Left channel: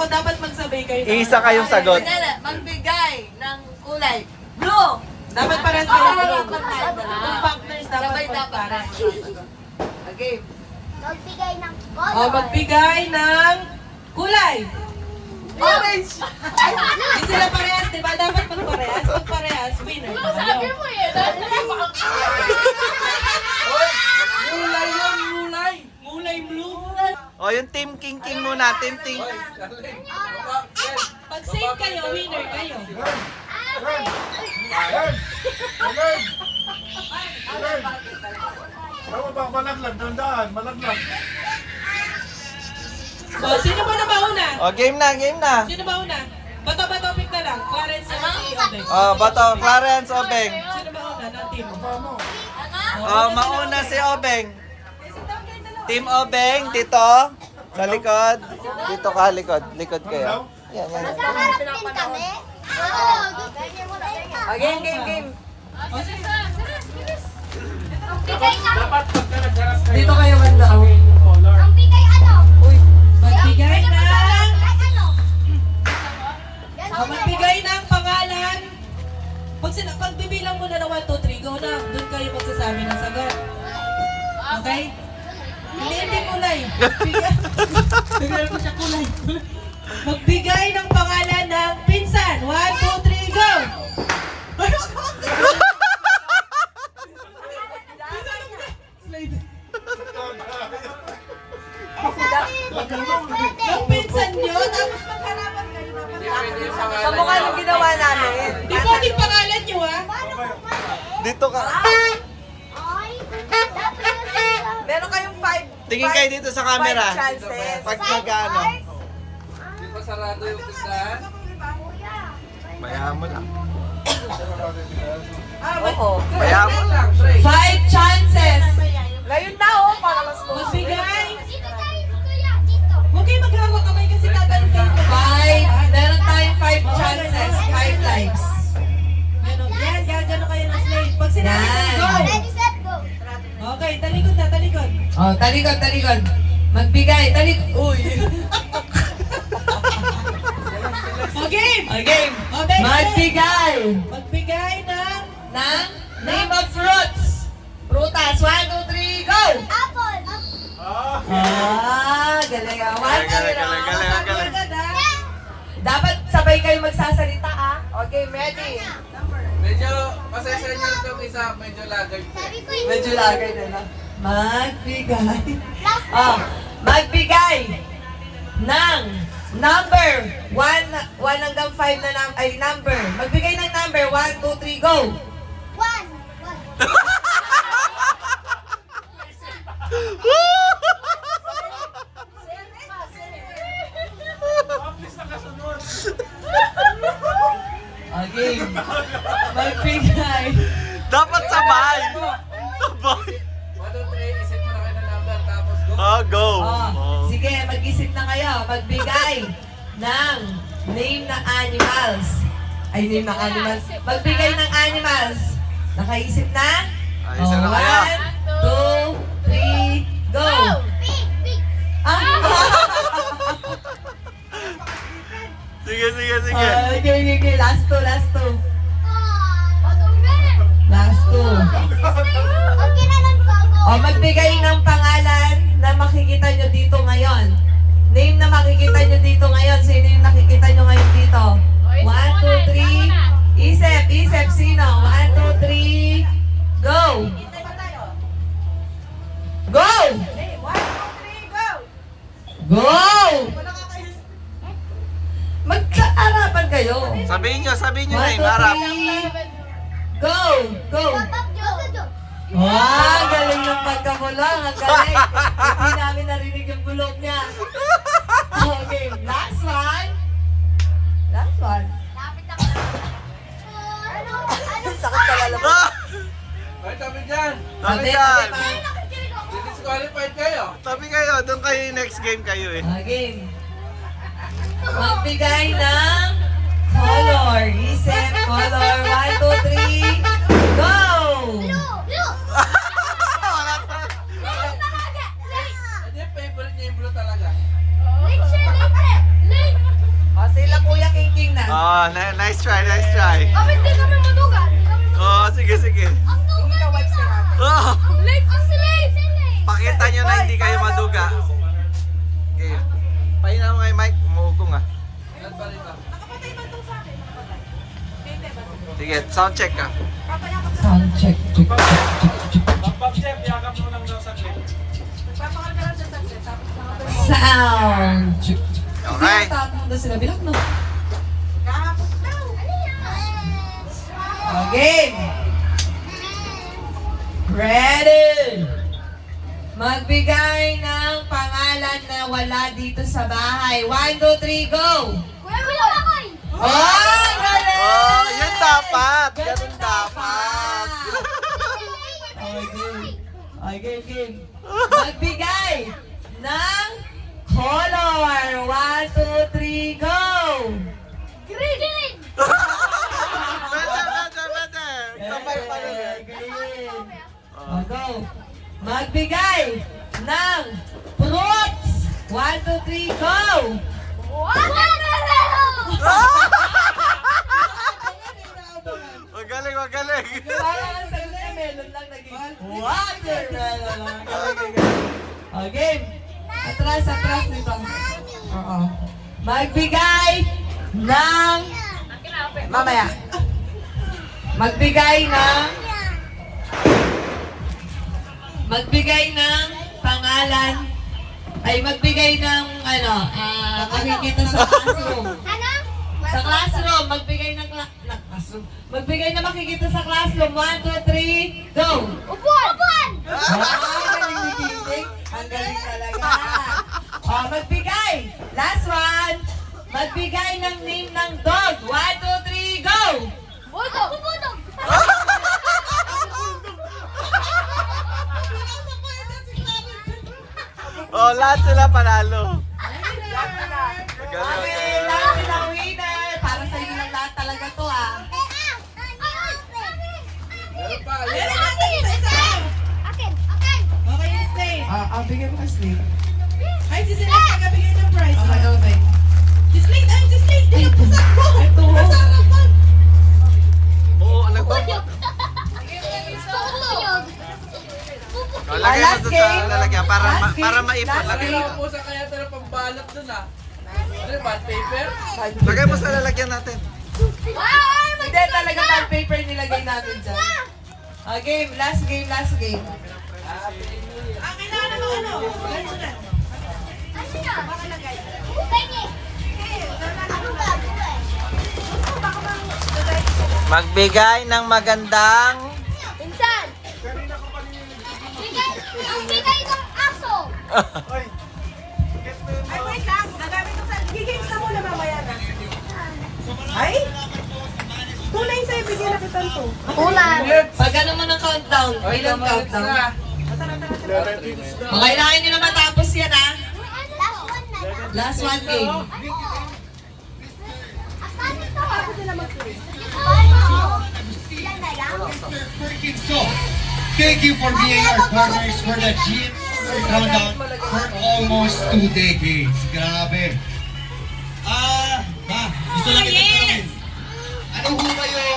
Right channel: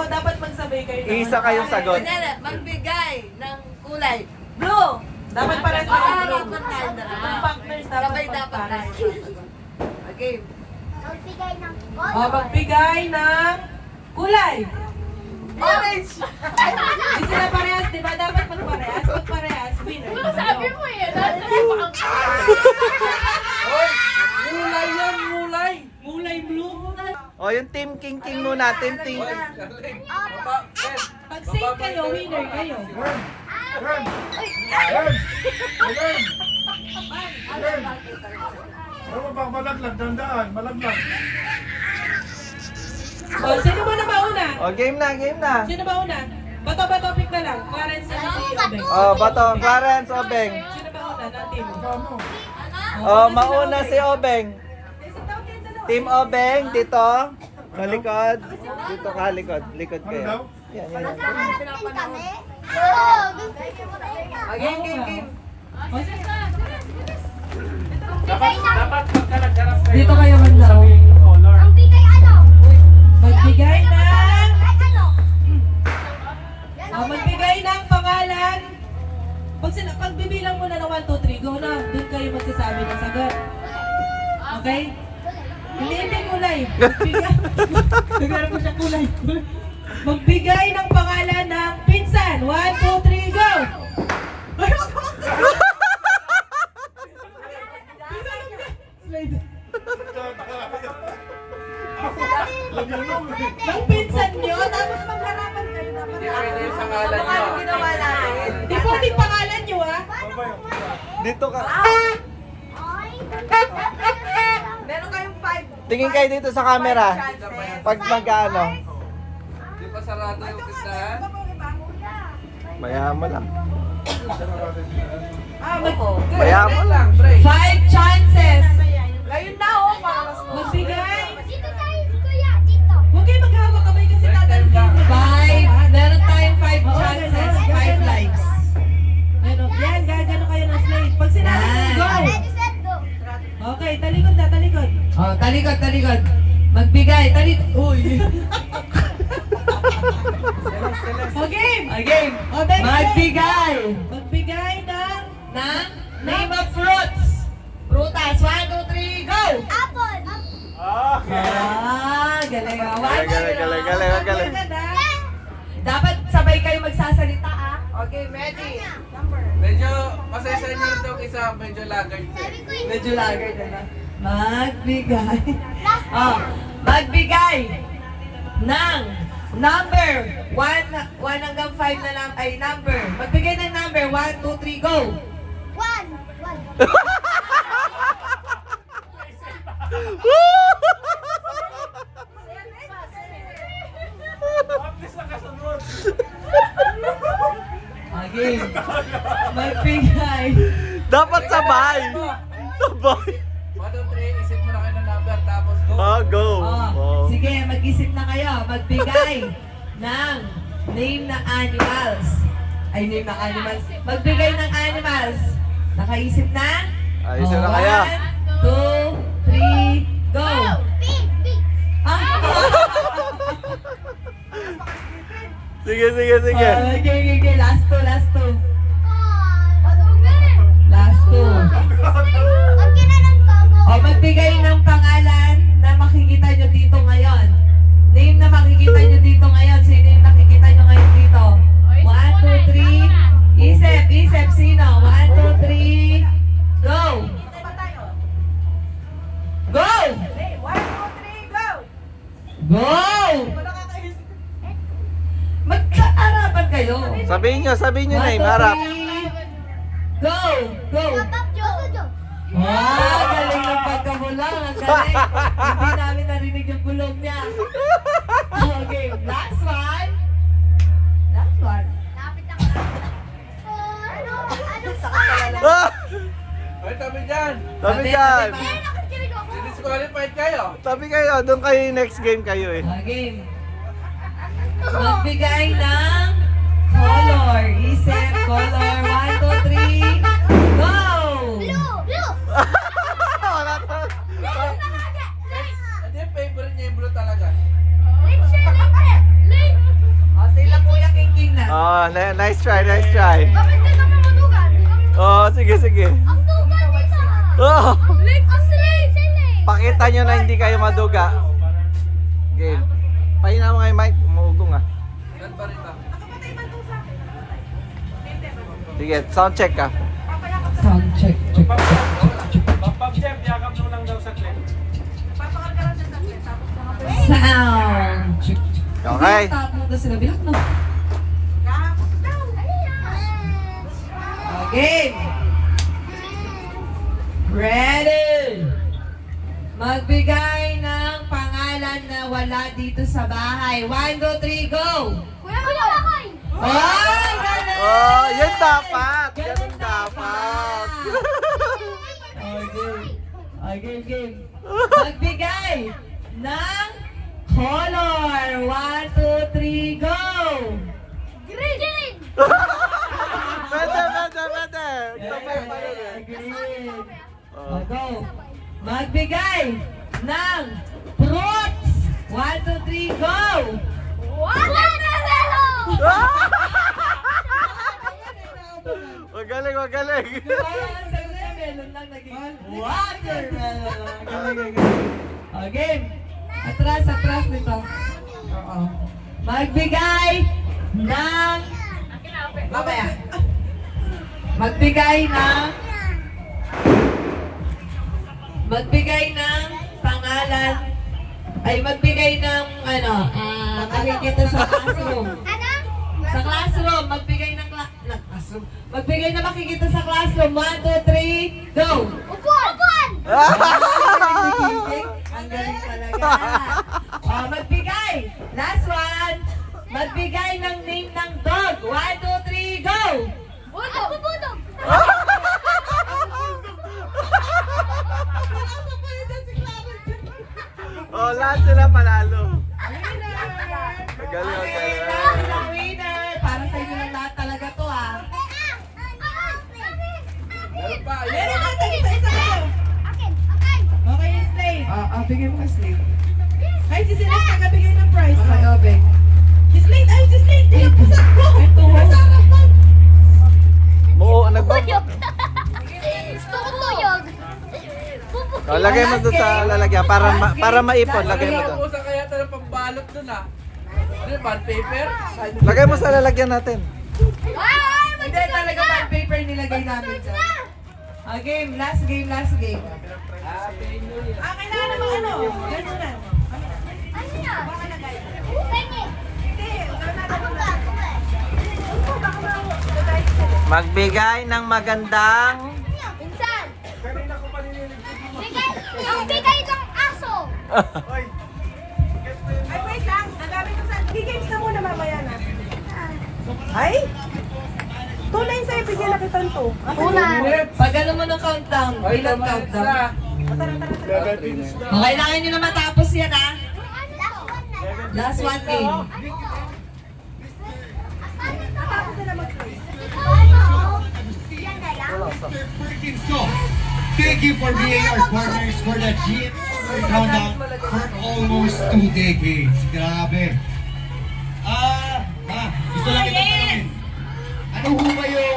O dapat magsabay kayo. Isa kayong sagot. Magbigay ng kulay. Blue! Dapat para sa Dapat blue. tayo dalawa. Yung partners dapat Sabay dapat magpares. tayo sasagot. Okay. Magbigay ng O magbigay ng kulay. Orange! Hindi sila parehas, di ba? Dapat magparehas. Magparehas, winner. Sabi mo eh. Mulay yun, mulay! Mulay blue. O, yung Team King King muna. Team King. Pag same kayo, winner kayo. Malaglag, dandaan, malaglag. O, sino ba na mauna? O, game na, game na. Sino ba una? Bato-bato pick na lang. Clarence and si Obeng. O, bato. Clarence, Obeng. Sino ba una? Ng team. O, mauna si Obeng. Team Obeng, dito. Sa likod. Dito ka, likod. Likod kayo. Yan, yan, yan. Harapin kami. Oo. Game, game, game. O, sige. Magbigay ng... Dito kayo banda. Ang bigay ano? Magbigay ng... Ay, ano? Magbigay ng pangalan. Pag bibilang mo na ng 1, 2, 3, go na. Doon kayo magsasabi ng sagot. Okay? Hindi kulay. Bigyan ko siya kulay. Magbigay ng pangalan ng pinsan. 1, 2, 3, go! Slide. Ang pinsan nyo, tapos magharapan kayo. Mukha yung ginawa namin. Di pwedeng pangalan nyo, ha? Dito ka. Ay. Meron kayong 5 Tingin kayo dito sa camera. chances. Pag magkano. Bayaan mo lang. Bayaan mo lang. 5 chances. Ngayon na oh, para mas Magbigay. Dito tayo, kuya. Dito. Huwag kayo maghawak kamay kasi tatanong kayo. 5. Meron tayong 5 chances. 5 lives. Yan, gagano kayo ng slate. Pag sinabi ko, go! Ready, set, go. Okay, talikod na, talikod. Oh, talikod, talikod. Magbigay, talikod. Uy. Okay! Game. Okay, Magbigay magbigay ng... ng name of fruits. Prutas. 1, 2, 3, go! Apple. Ah, galing. Galing, galing, galing, galing. Dapat sabay kayo magsasalita ah. Okay, ready? Medyo, pasensya niyo yung isa, medyo lagay po. Sabi ko, Medyo lagay na lang. Magbigay. last Oh, magbigay ng number 1 hanggang 5 na lang ay number. Magbigay ng number 1, 2, 3, go! one. Okay. Magbigay. Dapat sabay. Sabay. 1, 2, 3, isip mo na kayo ng number, tapos go. Oh, go. Oh, Oh. sige, mag-isip na kayo. Magbigay ng name na animals. Ay, name ng animals. Magbigay ng animals. Nakaisip na? Ayos na kayo. 1, 2, 3, go! Big, big. Ah! Sige, sige, sige. Okay. Last two, last two. Madumi. Last two. Huwag kinalan ko ako. O, magbigay ng pangalan na makikita nyo dito ngayon. Name na makikita nyo dito ngayon. Sino yung nakikita nyo ngayon dito? 1, 2, 3. Isip, isip. Sino? 1, 2, 3. Go! Go! 1, 2, 3, go! Go! Magkaarapan kayo. Sabihin nyo na eh, 1, 2, marap. 3. Go! Go! Top joke. Wow, galing ng pagkabulong. Ang galing. Hindi namin narinig yung bulong niya. Okay, last one. Last one. Lapit ako. Ano? Ah! Ay, tabi dyan. Tabi dyan. Ay, nakikinig ako. Disqualified kayo. Tabi kayo. Doon kayo yung next game kayo eh. Okay. Magbigay ng color. Isip, color. 1, 2, 3. Go! Blue. Blue. Wala to. Late na kagad. Late. Ano yung favorite niya yung blue talaga? Late siya. Late. Late. Oh, nice try, nice try. Kapit di ka madudugan. Oh, sige, sige. Ang dugan nila. Oh, Ang silay. pakita nyo na hindi kayo maduga. Game. Pahina mo kay Mike, umuugong ah. Nakapatay ba itong sa akin? Hindi, ba? Sige, sound check ka. Sound check, check, check, check, check. Pag-chef, yakap mo lang daw sa check. Nagpapakal ka lang sa saglit, tapos Sound check, check. Okay. Tapos na sila, bilang mo. kahapon daw. Game! Ready! Magbigay ng pangalan na wala dito sa bahay. 1, 2, 3, go! Kuya Makoy. Oh, galing! Oh, yun dapat. Ganun dapat. Okay, game. Magbigay ng color. 1, 2, 3, go! Green. Pwede. Sabay pa rin eh. Green. Oh. Go. Magbigay ng fruits. 1, 2, 3, go! Watermelon. Magaling, magaling. Watermelon lang naging watermelon. Okay. Atras nito. Oo. Magbigay ng... Mamaya. Magbigay ng pangalan. Ay, magbigay ng makikita sa classroom. Ano? Sa classroom, magbigay ng classroom. Magbigay na makikita sa classroom. 1, 2, 3, go! Upuan. Ang galing talaga. Magbigay. Last one. Magbigay ng name ng dog. 1, 2, 3, go! Budog. Oh, lahat sila panalo. Magaling, Okay, magaling. last na winner. Para sa inyo lang lahat talaga to ah. Meron pa. Meron natin isa-isa. Akin. Okay, stay. Bigyan mo ka slate. Kahit si Celeste nagabigay ng prize. Okay. Si Slate, ay si Slate. Pinagpasak ko. Ito. Masarap to. Nagbabot. Gusto ko to. Oh, lagay mo doon sa lalagyan para maipon. Lagay mo doon. Usa kaya ito ng pambalot dun ah. Ano yun, bond paper? Lagay mo sa lalagyan natin. Ay, Hindi talaga bond paper nilagay namin dyan. Game, last game. Kailangan naman ano. Ganyan na. ano na? Pengi. Ako ba? Magbigay ng magandang... Pinsan. Bigay ng aso. Ay, wait lang. Nagamit ko sa... Gigames na muna mamaya na. Ay? Tunay sa'yo, bigyan na kitan to. Una. Pag ano mo ng countdown, bilang countdown. Kailangan nyo na matapos yan ah. Last one na. Last one game. So, thank you for being our partners for the Jeep Countdown for almost 2 decades. Grabe. Gusto lang kita tanongin. Ano ho ba yung